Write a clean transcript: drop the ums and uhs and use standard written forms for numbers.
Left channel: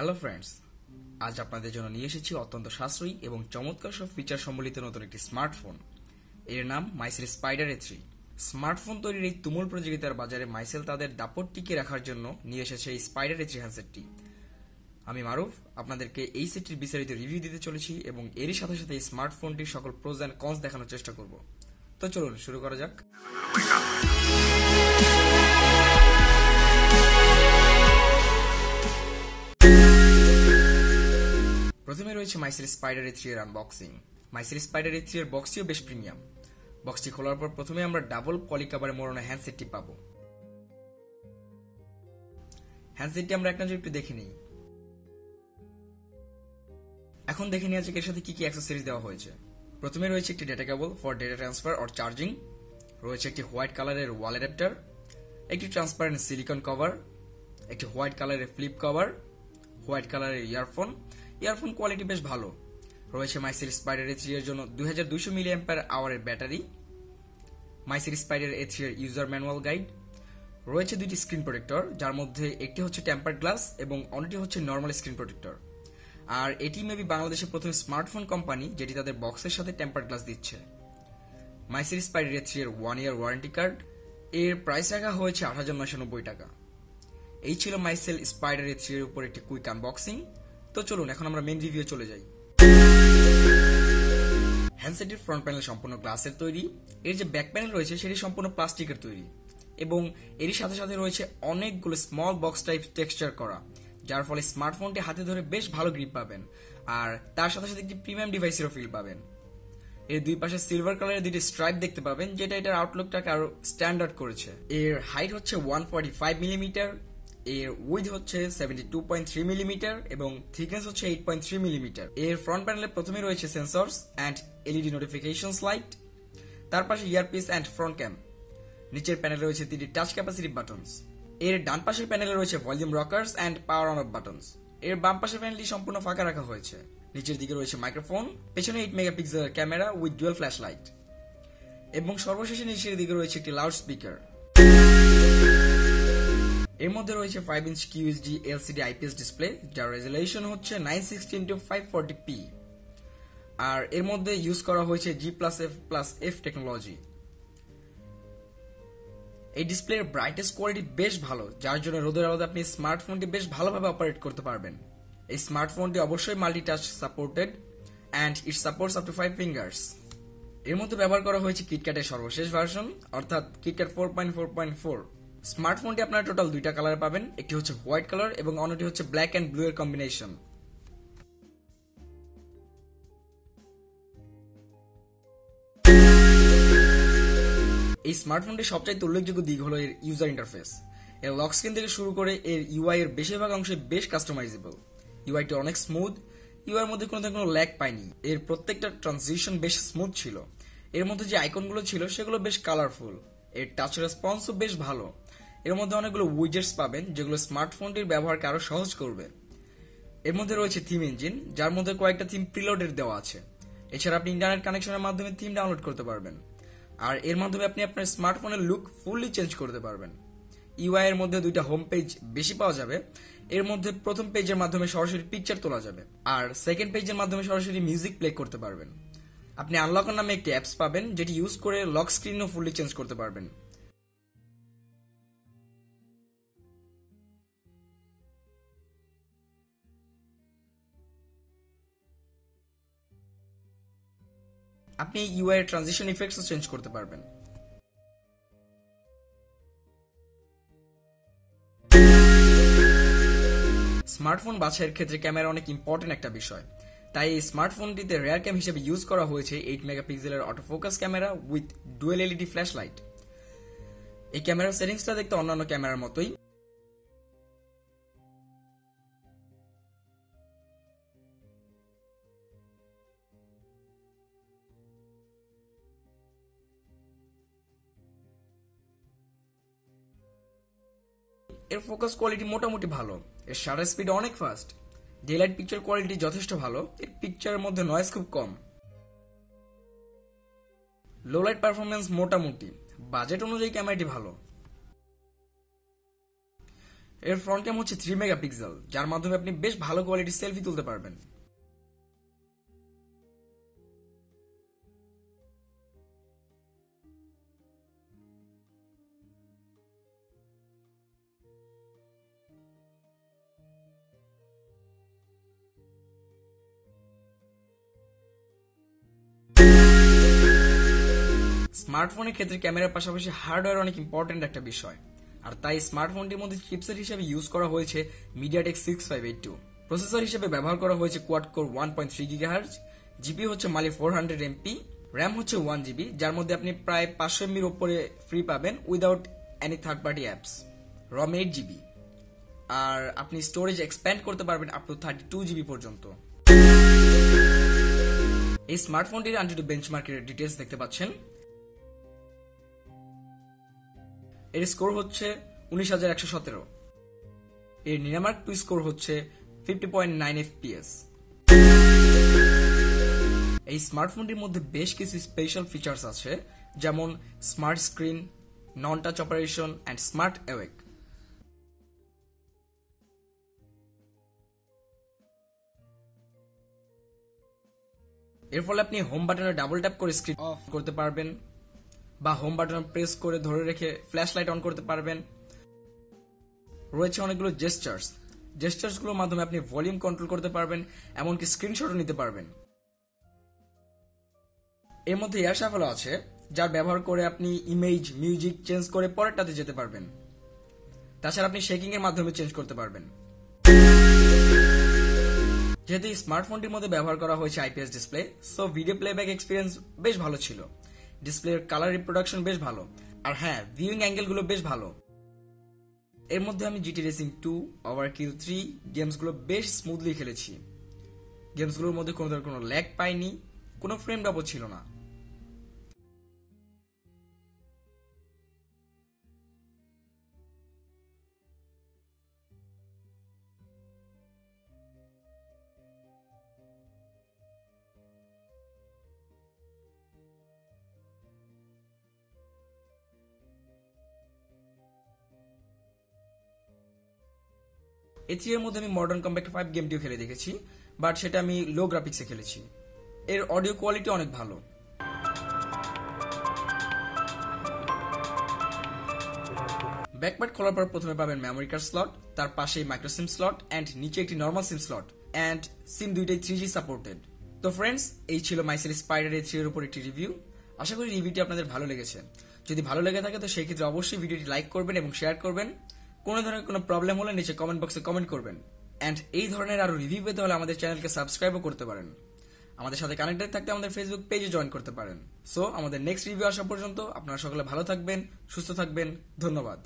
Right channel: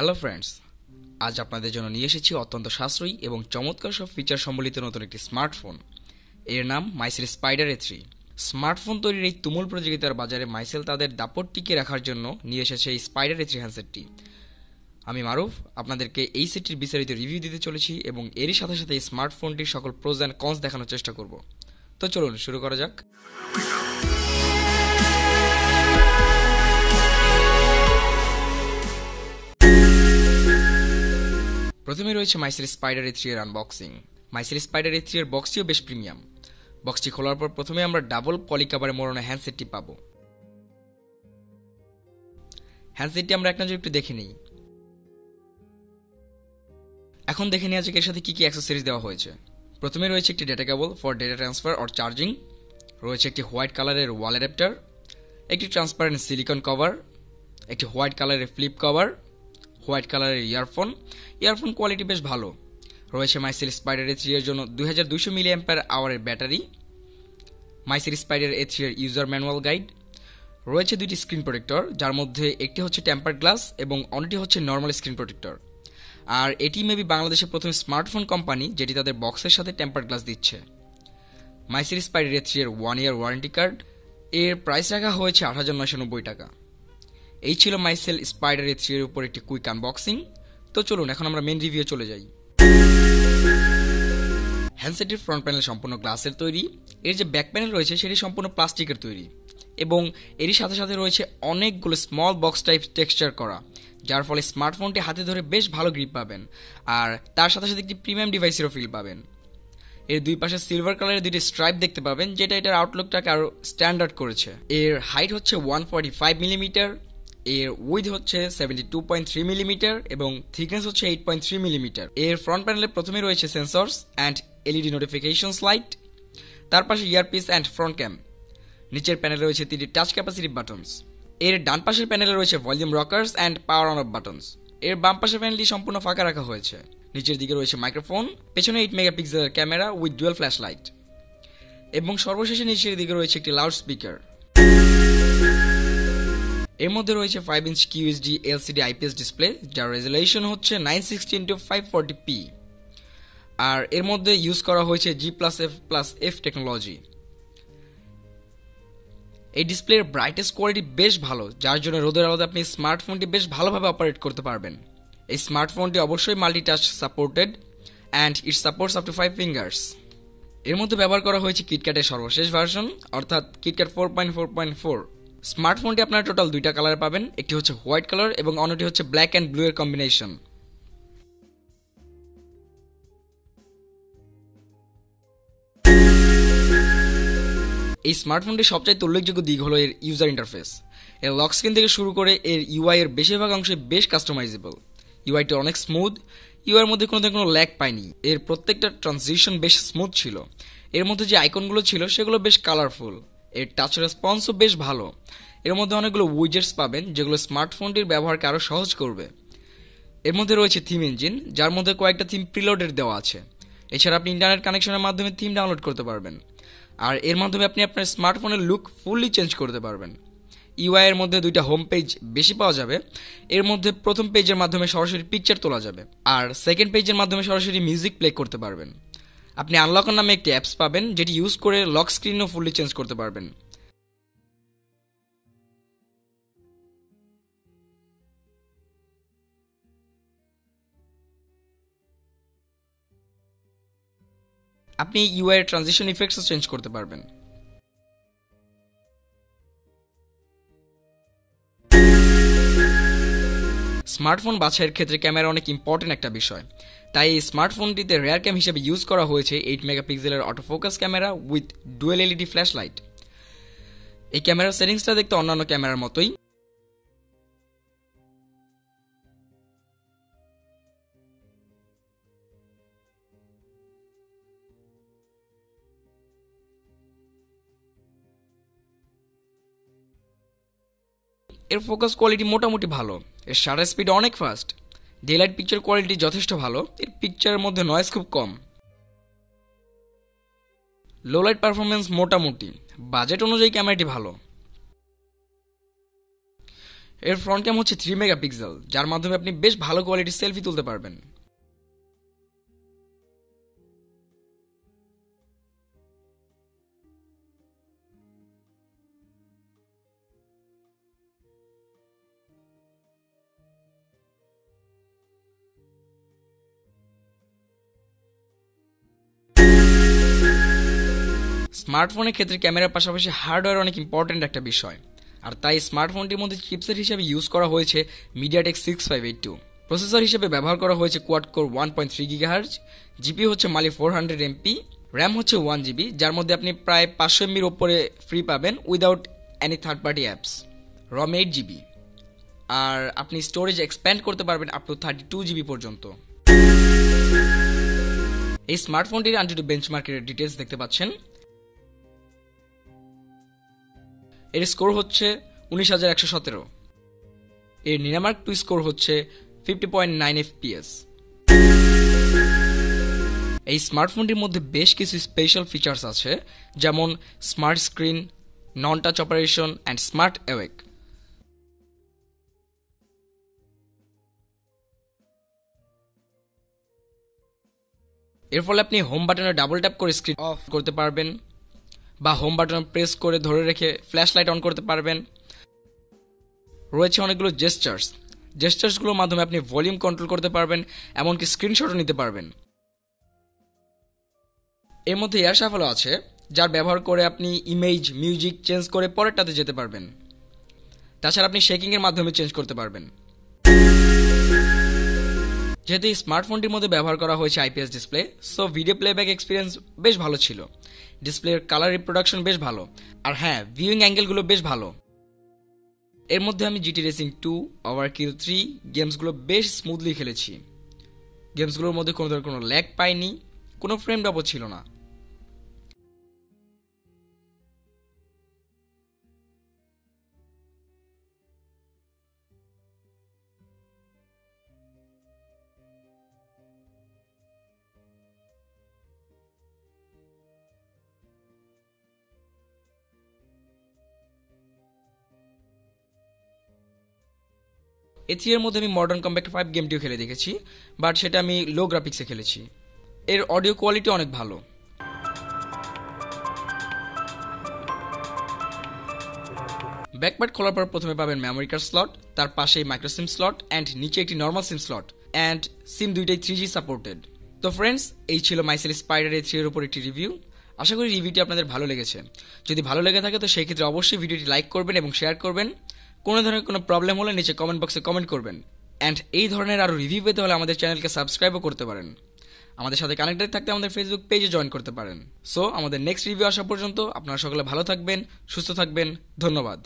Hello friends, আজ আপনাদের জন্য নিয়ে এসেছি অত্যন্ত সাশ্রয়ী এবং চমৎকার সব ফিচার সম্বলিত নতুন একটি স্মার্টফোন। এর নাম মাইসেল স্পাইডার A3। স্মার্টফোন তৈরির এই তুমুল প্রতিযোগিতার বাজারে মাইসেল তাদের দাপট টিকিয়ে রাখার জন্য নিয়ে এসেছে এই স্পাইডার A3 হ্যান্ডসেটটি। আমি মারুফ আপনাদেরকে এই সেটটির বিস্তারিত রিভিউ দিতে চলেছি এবং এরই সাথে সাথে এই স্মার্টফোনটির সকল প্রোজ অ্যান্ড কনস দেখানোর চেষ্টা করব। তো চলুন শুরু করা যাক। প্রথমে রয়েছে মাইসেল স্পাইডার A3 এর আনবক্সিং। মাইসেল স্পাইডার A3 এর বক্সটিও বেশ প্রিমিয়াম। বক্সটি খোলার পর প্রথমে আমরা ডাবল পলি কাভারে মোড়ানো হ্যান্ডসেটটি পাবো। হ্যান্ডসেটটি আমরা এক নজরে একটু দেখে নিই। এখন দেখে নেওয়া যাক এর সাথে কি কি অ্যাক্সেসরিজ দেওয়া হয়েছে। প্রথমে রয়েছে একটি data cable for data transfer or charging, রয়েছে একটি হোয়াইট কালারের ওয়াল অ্যাডাপ্টার, একটি ট্রান্সপারেন্ট সিলিকন কভার, একটি হোয়াইট কালারের ফ্লিপ কভার, হোয়াইট কালারের ইয়ারফোন কোয়ালিটি বেশ ভালো। রয়েছে মাইসেল স্পাইডার A3 এর জন্য 2200 mAh এর ব্যাটারি, মাইসেল স্পাইডার A3 এর ইউজার ম্যানুয়াল গাইড, রয়েছে দুইটি স্ক্রিন প্রোটেক্টর, যার মধ্যে একটি হচ্ছে টেম্পারড গ্লাস এবং অন্যটি হচ্ছে নর্মাল স্ক্রিন প্রোটেক্টর। আর এটি মেবি বাংলাদেশের প্রথম স্মার্টফোন কোম্পানি যেটি তাদের বক্সের সাথে টেম্পারড গ্লাস দিচ্ছে। মাইসেল স্পাইডার A3 এর 1 ইয়ার ওয়ারেন্টি কার্ড, এর প্রাইস রাখা হয়েছে ৮৯৯০ টাকা। এই ছিল মাইসেল স্পাইডার A3 এর উপর একটি কুইক আনবক্সিং। তো চলুন এখন আমরা মেন রিভিউ চলে যাই। হ্যান্ডসেটের ফ্রন্ট প্যানেল সম্পূর্ণ গ্লাসের তৈরি, এর যে ব্যাক প্যানেল রয়েছে সেটি সম্পূর্ণ প্লাস্টিকের তৈরি এবং এরই সাথে সাথে রয়েছে অনেকগুলো স্মল বক্স টাইপ টেক্সচার করা, যার ফলে স্মার্টফোনটি হাতে ধরে বেশ ভালো গ্রিপ পাবেন আর তার সাথে সাথে একটি প্রিমিয়াম ডিভাইসেরও ফিল পাবেন। এর দুই পাশে সিলভার কালারের দুটি স্ট্রাইপ দেখতে পাবেন, যেটা এটার আউটলুকটাকে আরো স্ট্যান্ডার্ড করেছে। এর হাইট হচ্ছে 145 মিলিমিটার, এর উইথ হচ্ছে 72.3 মিলিমিটার এবং থিকনেস হচ্ছে 8.3 মিলিমিটার। এর ফ্রন্ট প্যানেলে প্রথমে রয়েছে sensors and LED notifications light, তার পাশে ইয়ারপিস অ্যান্ড ফ্রন্ট ক্যাম। নিচের প্যানেলে রয়েছে 3টি টাচ ক্যাপাসিটিভ বাটনস। এর ডান পাশের প্যানেলে রয়েছে volume Rockerz and power on of buttons. এর বাম পাশের প্যানেলটি সম্পূর্ণ ফাঁকা রাখা হয়েছে। নিচের দিকে রয়েছে মাইক্রোফোন, পেছনে 8 মেগাপিক্সেলের camera with dual flash light এবং সর্বশেষে নিচের দিকে রয়েছে একটি লাউড স্পিকার। এর মধ্যে রয়েছে 5 inch QHD LCD IPS display, যার রেজোলিউশন হচ্ছে 960x540p। আর এর মধ্যে ইউজ করা হয়েছে G+F+F টেকনোলজি। এই ডিসপ্লের ব্রাইটনেস কোয়ালিটি বেশ ভালো, যার জন্য রোদের আলোতে আপনি স্মার্টফোনটি বেশ ভালোভাবে অপারেট করতে পারবেন। এই স্মার্টফোনটি অবশ্যই multi-touch supported and it supports up to 5 fingers. এর মধ্যে ব্যবহার করা হয়েছে কিটক্যাটের সর্বশেষ ভার্সন, অর্থাৎ কিটক্যাট 4.4.4। স্মার্টফোনটি আপনারা টোটাল দুইটা কালারে পাবেন, একটি হচ্ছে হোয়াইট কালার এবং অন্যটি হচ্ছে ব্ল্যাক অ্যান্ড ব্লু এর কম্বিনেশন। এই স্মার্টফোনটির সবচাইতে উল্লেখযোগ্য দিক হলো এর ইউজার ইন্টারফেস। এর লক স্ক্রিন থেকে শুরু করে এর ইউআই এর বেশিরভাগ অংশে বেশ কাস্টমাইজেবল। ইউআইটি অনেক স্মুথ, ইউআই এর মধ্যে কোনো ল্যাগ পাইনি। এর প্রত্যেকটা ট্রানজিশন বেশ স্মুথ ছিল। এর মধ্যে যে আইকনগুলো ছিল সেগুলো বেশ কালারফুল। এর টাচ রেসপন্সও বেশ ভালো। এর মধ্যে অনেকগুলো উইজেটস পাবেন যেগুলো স্মার্টফোনটির ব্যবহারকে আরো সহজ করবে। এর মধ্যে রয়েছে থিম ইঞ্জিন, যার মধ্যে কয়েকটা থিম প্রিলোডেড দেওয়া আছে। এছাড়া আপনি ইন্টারনেট কানেকশনের মাধ্যমে থিম ডাউনলোড করতে পারবেন আর এর মাধ্যমে আপনি আপনার স্মার্টফোনের লুক ফুললি চেঞ্জ করতে পারবেন। ইউআই এর মধ্যে দুইটা হোম পেজ বেশি পাওয়া যাবে। এর মধ্যে প্রথম পেজের মাধ্যমে সরাসরি পিকচার তোলা যাবে আর সেকেন্ড পেজের মাধ্যমে সরাসরি মিউজিক প্লে করতে পারবেন। আপনি আনলকার নামে একটি অ্যাপস পাবেন, যেটি ইউজ করে লক স্ক্রিনও ফুললি চেঞ্জ করতে পারবেন। আপনি ইউআই এর ট্রানজিশন ইফেক্টসও চেঞ্জ করতে পারবেন। স্মার্টফোন বাছাইয়ের ক্ষেত্রে ক্যামেরা অনেক ইম্পর্টেন্ট একটা বিষয়, তাই এই স্মার্টফোনটিতে রেয়ার ক্যাম হিসেবে ইউজ করা হয়েছে 8 মেগাপিক্সেলের autofocus camera with dual LED flash light. এই ক্যামেরার সেটিংসটা দেখতে অন্যান্য ক্যামেরার মতোই। এর ফোকাস কোয়ালিটি মোটামুটি ভালো, এর শাটার স্পিড অনেক fast, day light picture quality যথেষ্ট ভালো, এর পিকচারের মধ্যে নয়েজ খুব কম, লো লাইট পারফরমেন্স মোটামুটি, বাজেট অনুযায়ী ক্যামেরাটি ভালো। এর ফ্রন্ট ক্যাম হচ্ছে 3 মেগাপিক্সেল, যার মাধ্যমে আপনি বেশ ভালো কোয়ালিটির সেলফি তুলতে পারবেন। স্মার্টফোনের ক্ষেত্রে ক্যামেরার পাশাপাশি হার্ডওয়্যার অনেক ইম্পর্টেন্ট একটা বিষয়, আর তাই স্মার্টফোনটির মধ্যে চিপসেট হিসেবে ইউজ করা হয়েছে মিডিয়াটেক 6582। প্রসেসর হিসেবে ব্যবহার করা হয়েছে কোয়াড কোর 1.3 গিগাহার্জ, জিপি হচ্ছে মালি 400 এমপি, র্যাম হচ্ছে 1 GB, যার মধ্যে আপনি প্রায় 500 এমবির ওপরে ফ্রি পাবেন without any third party apps. ROM 8 GB, আর আপনি স্টোরেজ এক্সপ্যান্ড করতে পারবেন আপ টু 32 GB পর্যন্ত। এই স্মার্টফোনটির আনটু বেঞ্চমার্কের ডিটেলস দেখতে পাচ্ছেন। এর স্কোর হচ্ছে 19,117। এর নিরামার্ক 2 স্কোর হচ্ছে 50.9 FPS। এই স্মার্টফোনটির মধ্যে বেশ কিছু স্পেশাল ফিচার্স আছে, যেমন smart screen, non touch operation and smart awake. এর ফলে আপনি হোম বাটনে ডাবল ট্যাপ করে স্ক্রিন অফ করতে পারবেন, বা হোম বাটন প্রেস করে ধরে রেখে ফ্ল্যাশ লাইট অন করতে পারবেন। রয়েছে অনেকগুলো জেস্টার্সগুলোর মাধ্যমে আপনি ভলিউম কন্ট্রোল করতে পারবেন, এমনকি স্ক্রিনশটও নিতে পারবেন। এর মধ্যে এয়ার শাফলও আছে, যার ব্যবহার করে আপনি ইমেজ, মিউজিক চেঞ্জ করে পরেরটাতে যেতে পারবেন। তাছাড়া আপনি শেকিং এর মাধ্যমে চেঞ্জ করতে পারবেন। যেহেতু এই স্মার্টফোনটির মধ্যে ব্যবহার করা হয়েছে IPS display, so video playback experience বেশ ভালো ছিল। ডিসপ্লের কালার রিপ্রোডাকশন বেশ ভালো, আর হ্যাঁ, ভিউইং অ্যাঙ্গেলগুলো বেশ ভালো। এর মধ্যে আমি জিটি রেসিং 2, ওভারকিল 3 গেমসগুলো বেশ স্মুথলি খেলেছি। গেমসগুলোর মধ্যে কোনো ধরনের কোনো ল্যাগ পাইনি, কোনো ফ্রেম ড্রপও ছিল না। A3 এর মধ্যে আমি মডার্ন কম্ব্যাট 5 গেমটিও খেলে দেখেছি, বাট সেটা আমি লো গ্রাফিক্সে খেলেছি। এর অডিও কোয়ালিটি অনেক ভালো। ব্যাকপ্যাড খোলার পর প্রথমে পাবেন মেমোরি কার্ড স্লট, তার পাশেই মাইক্রো সিম স্লট অ্যান্ড নিচে একটি নর্মাল সিম স্লট, অ্যান্ড সিম দুইটাই 3G সাপোর্টেড। তো ফ্রেন্ডস, এই ছিল মাইসেল স্পাইডার A3 এর উপর একটি রিভিউ। আশা করি রিভিউটি আপনাদের ভালো লেগেছে। যদি ভালো লেগে থাকে তো সেই ক্ষেত্রে অবশ্যই ভিডিওটি লাইক করবেন এবং শেয়ার করবেন। কোনো ধরনের কোনো প্রবলেম হলে নিচে কমেন্ট বক্সে কমেন্ট করবেন। অ্যান্ড এই ধরনের আরও রিভিউ পেতে হলে আমাদের চ্যানেলকে সাবস্ক্রাইবও করতে পারেন। আমাদের সাথে কানেক্টেড থাকতে আমাদের ফেসবুক পেজে জয়েন করতে পারেন। সো আমাদের নেক্সট রিভিউ আসা পর্যন্ত আপনারা সকলে ভালো থাকবেন, সুস্থ থাকবেন। ধন্যবাদ।